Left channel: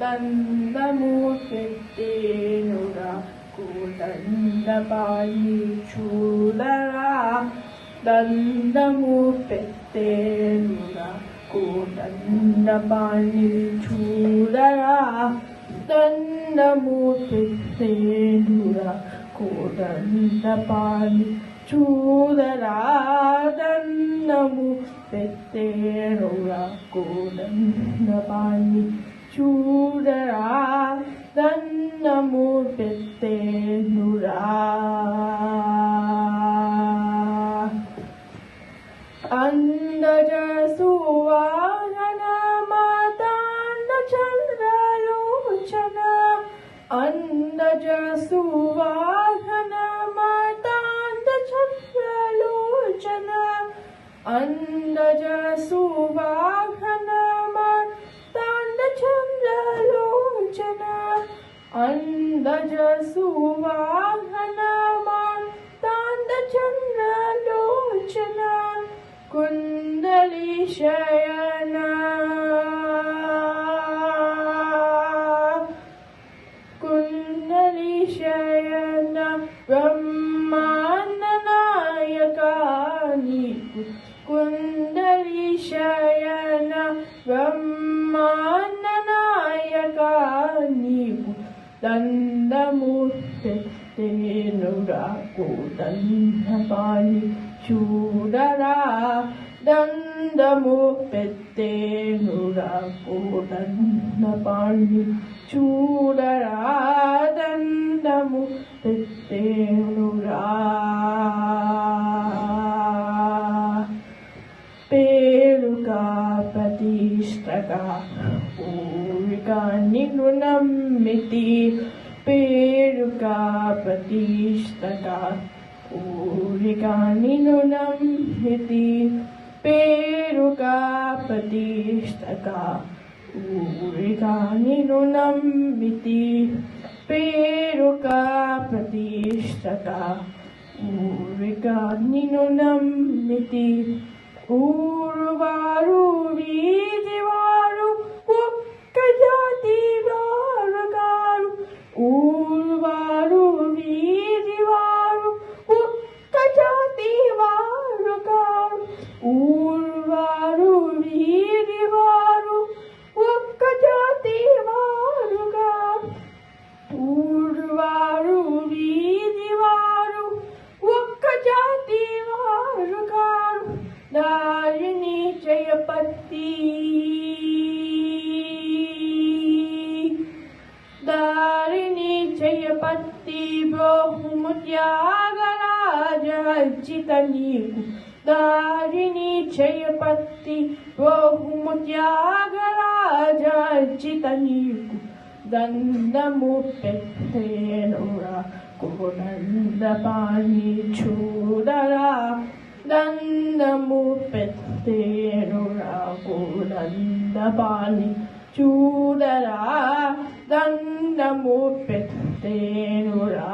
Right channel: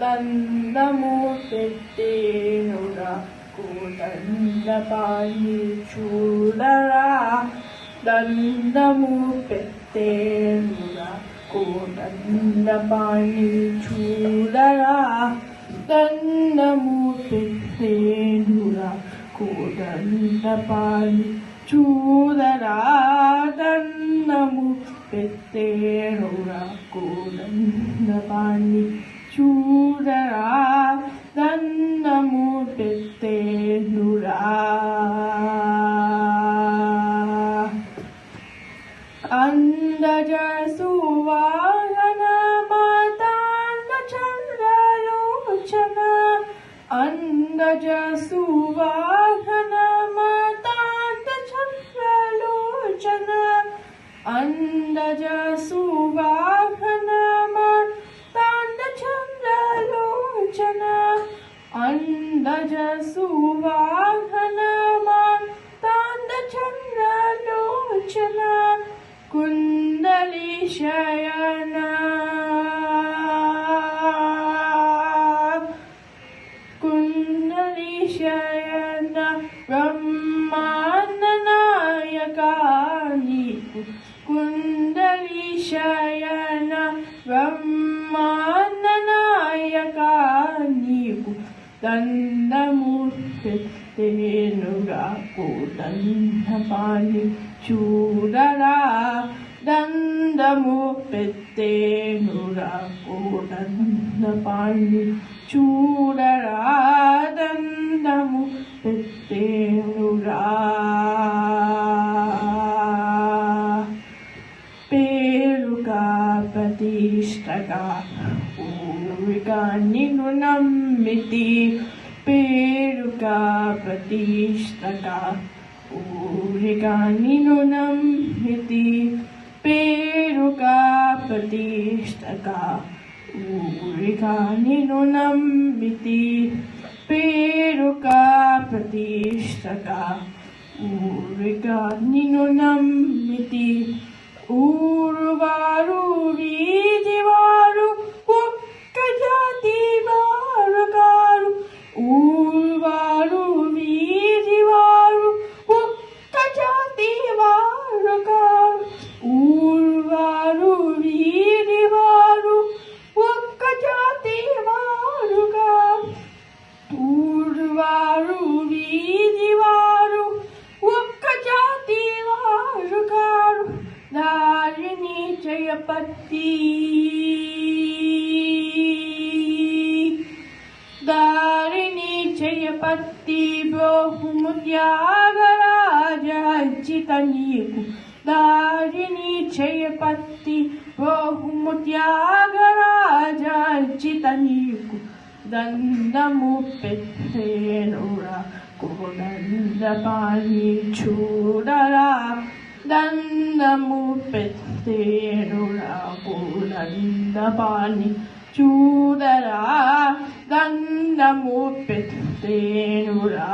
దండము పెట్టేనురా కోదండపాణి చూడరా దండము పెట్టేనురా కోదండపాణి చూడరా దండము పెట్టేనురా కోదండపాణి చూడరా దండము పెట్టేనురా కోదండపాణి చూడరా దండము పెట్టేనురా అందజ సువాహన మాతాండ చంద్రలోచన అందజ సువాహన మాతాండ చంద్రలోచన అందజ సువాహన మాతాండ చంద్రలోచన అందజ సువాహన మాతాండ చంద్రలోచన కుండలి శయన కుండలి శయన బ్రహ్మాండ నాయకా నీకు కుండలి శయన బ్రహ్మాండ నాయకా నీకు దండము పెట్టేనురా కోదండపాణి చూడరా దండము పెట్టేనురా కోదండపాణి చూడరా దండము పెట్టేనురా పేరుగా ప్రతిష్టగా ఊరిగా నిన్ను నమ్మితి పేరుగా ప్రతిష్టగా ఊరిగా నిన్ను నమ్మితి పేరుగా ప్రతిష్టగా ఊరిగా నిన్ను నమ్మితి పేరుగా ప్రతిష్టగా ఊరిగా నిన్ను నమ్మితి ఊరువారు వీధివారు ఒక్క జాతి వారు కారు ఊరువారు వీధివారు ఒక్క జాతి వారు కారు ఊరువారు వీధివారు ఒక్క జాతి వారు కారు ఊరువారు వీధివారు ఒక్క జాతి వారు కారు దారిని జయపతి దారిని జయపతి బ్రహ్మత్యాగరాజ అర్జిత నీకు దారిని జయపతి బ్రహ్మత్యాగరాజ అర్జిత నీకు దండము పెట్టేనురా కోదండపాణి చూడరా దండము పెట్టేనురా కోదండపాణి చూడరా దండము పెట్టేనురా